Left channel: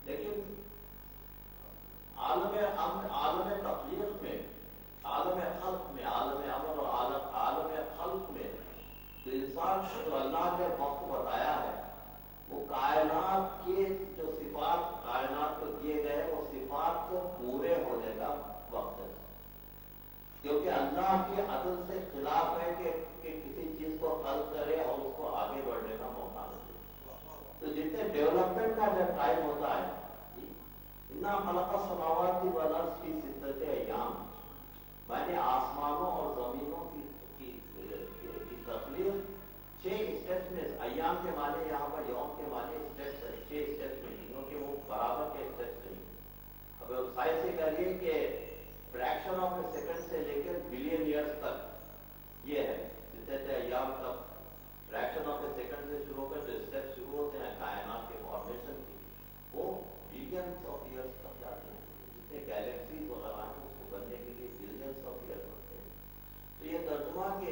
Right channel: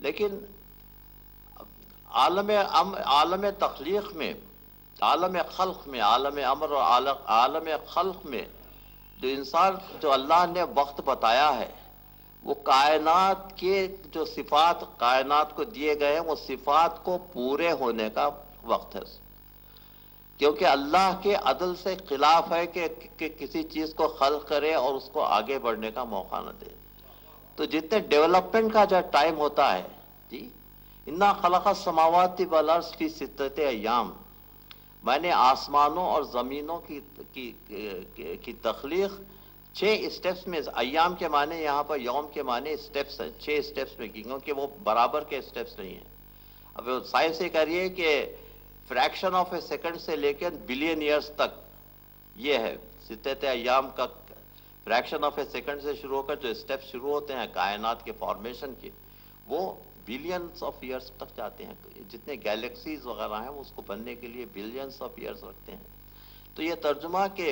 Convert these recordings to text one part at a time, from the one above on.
لیکن عالم تخلیق میں، عالم خلق میں، عالم امر اور عالم خلق میں جو اللہ نے وقت بتایا ہے، وہ کائنات کے جو صفات کائنات کو دیے گئے ہیں، وہ صفات کو پورے ہونے کا وقت ہے، کیونکہ اللہ کے عدل سے خلاف ہے کہ کسی چیز کو خلق کرے اور اس کو آگے بڑھنے کا موقع نہ دے۔ تو جتنے ڈیولپمنٹ کا جو ٹائم ہوتا ہے، جی انا خلق السماوات والارض فی ستۃ ایام، میں نے آسمانوں اور زمینوں کی تخلیق 6 اسٹیپس میں، ایام کے معنی یہاں پر یوم کے معنی اسٹیپس ہیں، 6 اسٹیپس میں کی، کیونکہ وہ برابر کے اسٹیپس نہیں ہیں۔ اب سائنس یہ کہہ رہی ہے کہ فریکشن آف اے سیکنڈ سے لے کے بلین ایئرس تک یہ ہے ستۃ ایام کا، فریکشن آف اے سیکنڈ سے شروع ہو کر جو اسٹیپس شروع ہوتے ہیں کائنات کے فارمیشن کے، وہ بلینس آف ایئرس تک جاتے ہیں۔ جتنے گیلیکسیز وغیرہ ہیں وہ اس کو بننے کے لیے بلینس آف ایئرس رکھتے ہیں۔ تو یہ ترجمہ کہ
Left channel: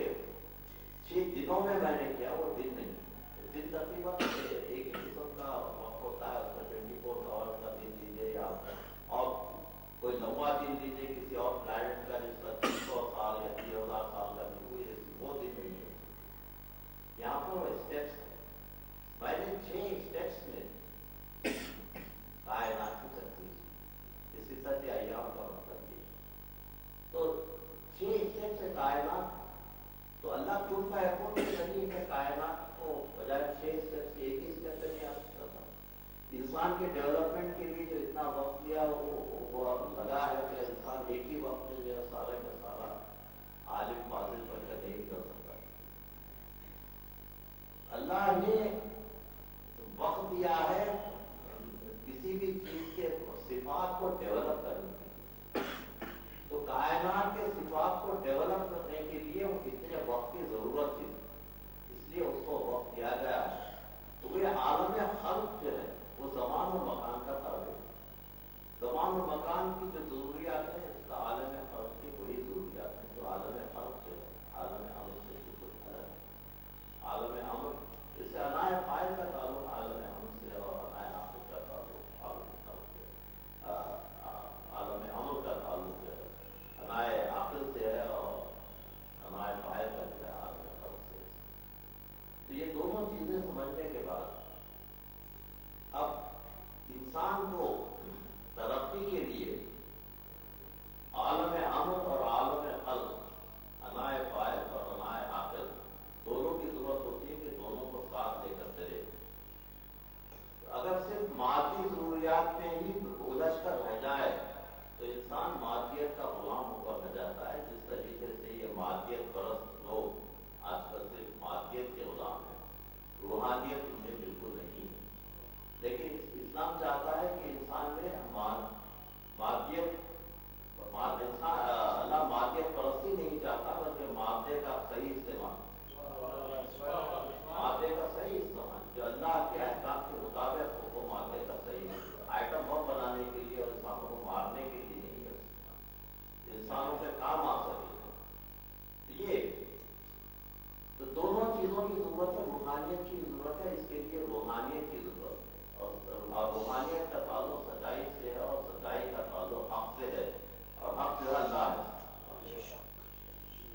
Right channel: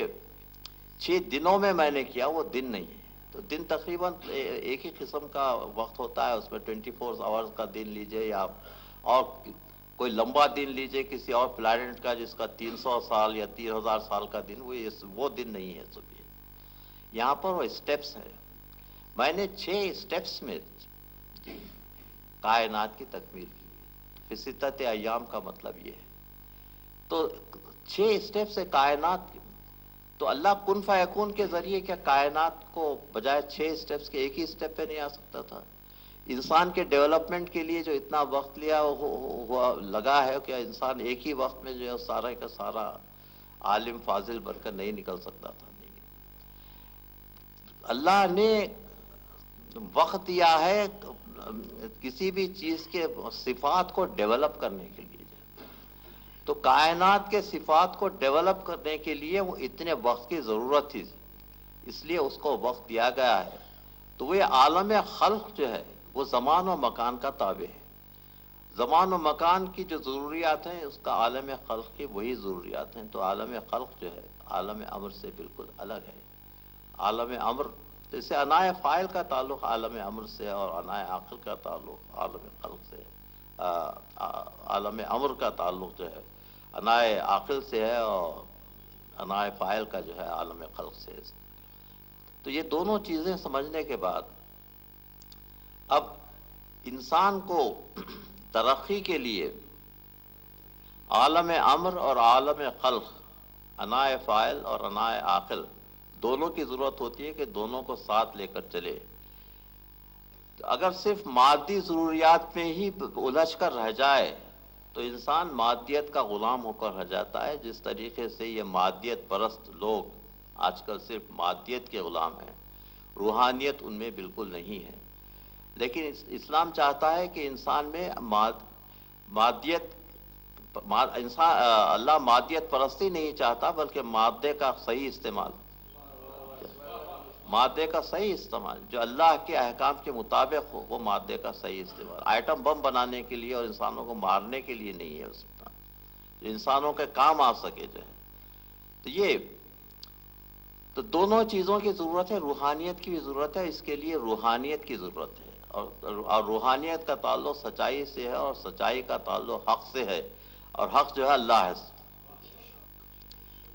6 دنوں میں میں نے کیا، وہ دن نہیں ہے۔ تو دن تقریباً ایک ہی قسم کا وقت ہوتا ہے، اس میں 24 آورز کا دن لیجئے، یا اور کوئی لمبا دن لیجئے کسی اور پلانٹ کا جس کا 300 سال یا 3000 سال کا دن، وہ دن نہیں ہے۔ یہاں پر وہ اسٹیپس ہیں، میں نے 6 اسٹیپس میں کائنات کی تکمیل کی۔ پھر ستۃ ایام کا مطلب یہ ہے، تو 6 اسٹیپ سے کائنات، تو اللہ کن فیکون کے ذریعے کیا کائنات کو بجائے 6 اسٹیپس کے ایک ہی اسٹیپ پہ نہیں آ سکتا تھا؟ انسان کے ڈیولپمنٹ کے لیے جو اتنا وقت لیا وہ لگا ہے کہ انسان ایک ہی وقت میں جو ہے سارا کا سارا عالم فاضل بن کر نہیں نکل سکتا تھا۔ اللہ نے وقت دیا ہے کسی بھی چیز کے صفات کو ڈیولپ کرنے کے لیے، تو کائنات کے صفات کو ڈیولپ کرنے کے لیے وہ اتنے وقت کی ضرورت تھی، اس لیے اس کو وقت دیا گیا ہے۔ تو وہ عالم خلق جو ہے وہ زمان و مکان کا تابع ہے۔ زمان و مکان کی جو ضروریات ہیں اس کا عالم خلق کی وہی ضروریات ہیں، تو عالم خلق جو ہے عالم امر سے بالکل الگ ہے۔ عالم امر، جیسے انائے فاعل کا تعلق عالم امر سے اور انائے عاقل کا تعلق عالم خلق سے، عالم امر کا تعلق جو ہے انائے عاقل سے ہے اور انائے فاعل کا جو ہے عالم خلق سے ہے۔ تو یہ دونوں چیزیں سمجھنے کے بعد اب انسان کو ترقی کے لیے عالم امر اور عالم خلق، انائے فاعل اور انائے عاقل، دونوں کی ضرورت ہوتی ہے کہ دونوں کو ساتھ لے کر چلے۔ اگر صرف مادی ضروریات میں ہی الجھ کر رہ جائے تو انسان مادیت کا غلام ہو کر رہ جاتا ہے، جس طریقے سے یہ مادیت پرست لوگ آج کل صرف مادیت کے غلام ہیں، روحانیت ان میں بالکل نہیں ہے۔ لیکن اسلام چاہتا ہے کہ انسان میں اللہ مادیت پرستی نہیں چاہتا، بلکہ مادے کا صحیح استعمال، مادے کا صحیح استعمال جو اللہ کے احکام کے مطابق ہو، وہ مادے کا صحیح استعمال۔ آئٹم بم بنانے کے لیے اور انسانوں کو مارنے کے لیے نہیں ہے اس کا، جو انسانوں کے کام آ سکے جو ہے۔ تو دونوں چیزوں کی ضرورت ہے، روحانیت کی بھی ضرورت ہے، اس کے لیے روحانیت کی ضرورت ہے، اور روحانیت کا تعلق سچائی سے ہے، اور سچائی کا تعلق حق سے ہے، اور حق جو ہے اللہ ہے۔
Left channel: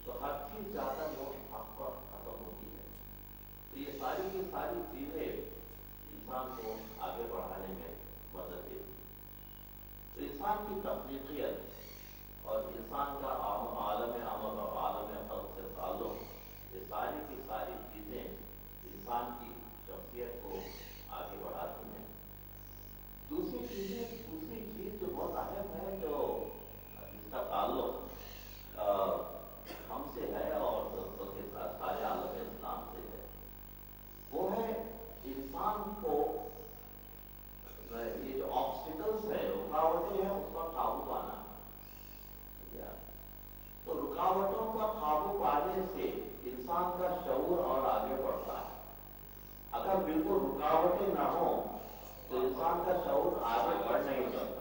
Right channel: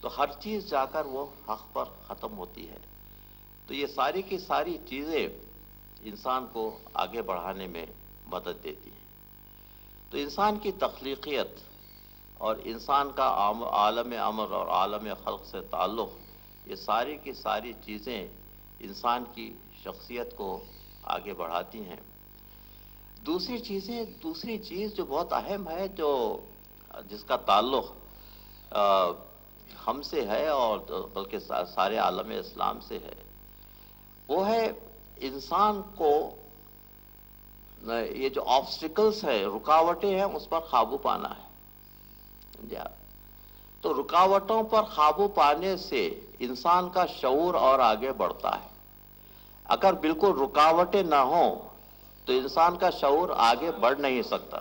تو ہر چیز جا کر وہ حق پر ختم ہوتی ہے۔ تو یہ ساری کی ساری چیزیں انسان کو آگے بڑھانے میں مدد دیتی ہیں۔ تو انسان کی تخلیقیت اور انسان کا عالم امر اور عالم خلق سے تعلق، یہ ساری کی ساری چیزیں انسان کی شخصیت کو آگے بڑھاتی ہیں۔ دوسری چیز جو بہت اہم ہے، جس کا تعلق ہم سے ہے اور بلکہ سارے عالم اسلام سے ہے، وہ ہے انسان کو یہ جو آبسٹیکلز ہیں، رکاوٹیں ہیں، اس پر قابو پانا ہے۔ تو رکاوٹوں پر قابو پانے سے انسان کا شعور اور آگے بڑھتا ہے۔ اگر بالکل رکاوٹیں نہ ہوں تو انسان کا شعور آگے بڑھ نہیں سکتا۔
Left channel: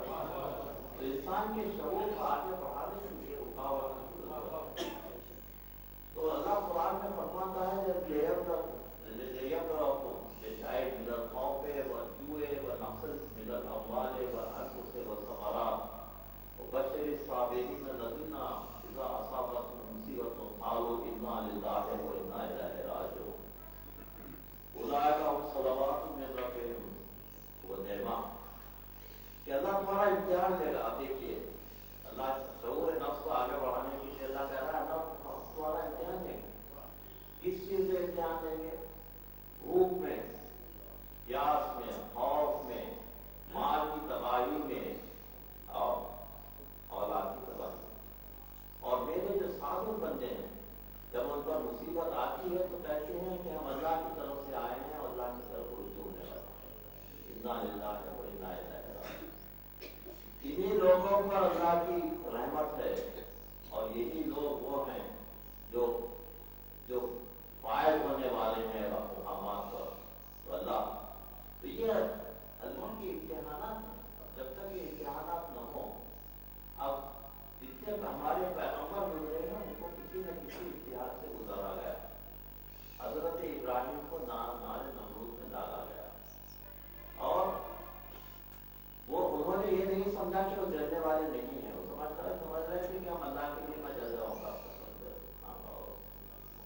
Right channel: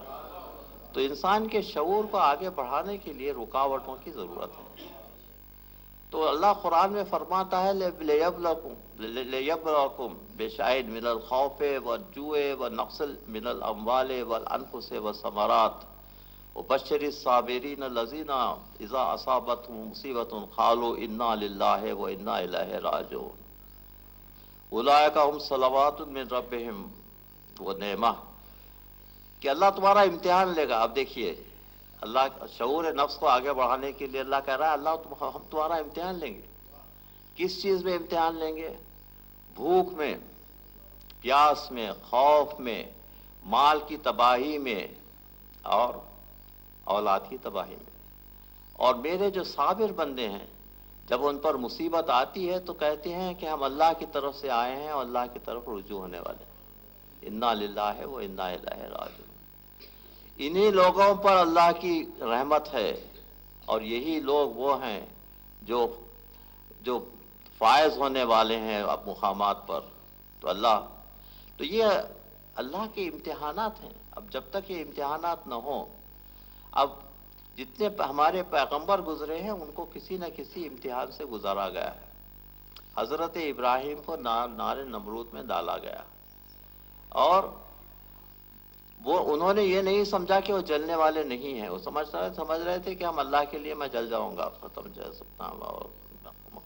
تو انسان کے شعور کو آگے بڑھانے کے لیے رکاوٹوں کی ضرورت ہے۔ تو اللہ قرآن میں فرماتا ہے لیبلوکم بشیء من الخوف والجوع ونقص من الاموال والانفس والثمرات وبشر الصابرین الذین اذا اصابتهم مصیبۃ قالوا انا للہ وانا الیہ راجعون اولئک هم صلوات من ربهم ونعمہ، کہ اللہ تمہارا امتحان لے گا۔ اب دیکھیے اللہ شعور نفس کو آگے بڑھانے کے لیے اللہ کہہ رہا ہے اللہ ہم تمہارا امتحان لیں گے۔ کس چیز میں امتحان لیں گے؟ بھوک میں، پیاس میں، خوف میں، مال کی تباہی میں اور اولاد کی تباہی میں۔ اور میرے جو صابر بندے ہیں جب ان پر مصیبت آتی ہے تو کہتے ہیں کہ ہم اللہ کی طرف سے آئے ہیں اور اللہ کی طرف رجوع ہونے والے ہیں، انا للہ و انا الیہ راجعون۔ انہی لوگوں پر اللہ کی رحمت ہے، اور یہی لوگ وہ ہیں جو فائز ہونے والے ہیں اب مقامات پر۔ تو یہ اللہ کے امتحانات ہیں۔ اب جب تک یہ امتحانات نہ ہوں، اب جتنے ہمارے پیغمبر گزرے ہیں ان کو کسی نہ کسی امتحان سے گزارا گیا۔ حضرت ابراہیم کو نار نمرود میں ڈالا گیا، اور انہوں نے یہ نہیں سمجھا کہ وہ جلنے والے نہیں ہیں، وہ سمجھ رہے تھے کہ ہم اللہ کے لیے میں جل جاؤں گا،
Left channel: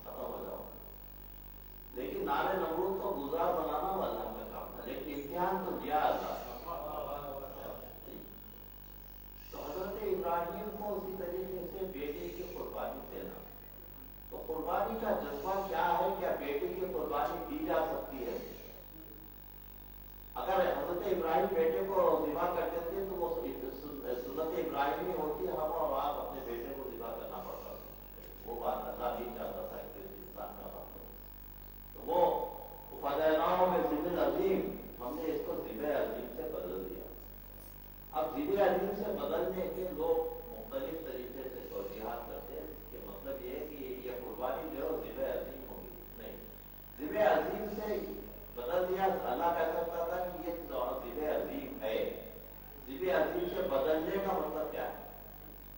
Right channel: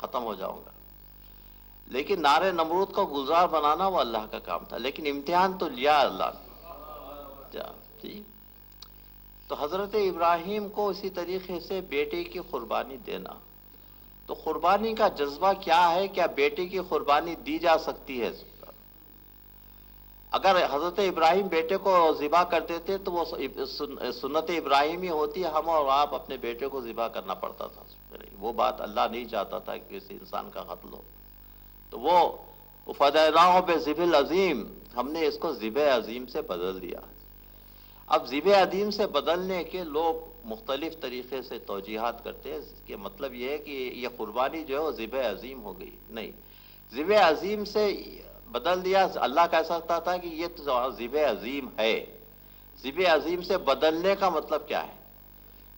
ختم ہو جاؤں گا۔ لیکن نار نمرود کو گلزار بنانا وہ اللہ کا کام تھا، لیکن امتحان تو لیا اللہ۔ تو حضرت ابراہیم کو اسی طریقے سے بیٹے کی قربانی دینا، تو قربانی کا جذبہ کیا ہے؟ کیا بیٹے کی قربانی دی جا سکتی ہے؟ اگر حضرت ابراہیم بیٹے کو ذبح کر دیتے تو وہ سنت ابراہیمی ہوتی، ہم اور آپ اپنے بیٹے کو ذبح کرنا پڑتا تھا۔ وہ بات اللہ نہیں چاہتا تھا کہ کسی انسان کا قتل ہو، تو وہ فدیناہ بذبح العظیم، ہم نے اس کو ذبح عظیم سے بدل دیا۔ اب ذبح عظیم سے بدلنے کے لوگ مختلف طریقے سے توجیحات کرتے ہیں، اس کے مطلب یہ ہے کہ یہ قربانی جو ہے وہ ذبح عظیم ہو گئی، نہیں، ذبح عظیم سے بدل دیا۔ اللہ کہہ سکتا تھا کہ یہ تو ذبح عظیم ہے۔ ذبح عظیم سے بدلنے کا مطلب کیا ہے؟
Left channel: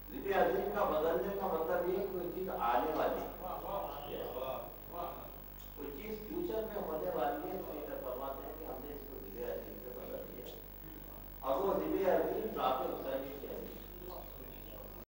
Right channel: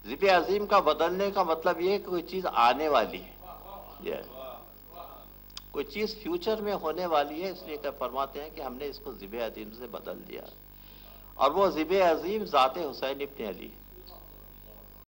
ذبح عظیم کا بدلنے کا مطلب یہ ہے کہ کوئی چیز آنے والی ہے، کوئی چیز فیوچر میں ہونے والی ہے، اس لیے کہ فرماتے ہیں کہ ہم نے اس کو ذبح عظیم سے بدل دیا، اور وہ ذبح عظیم ذات حسین ابن علی۔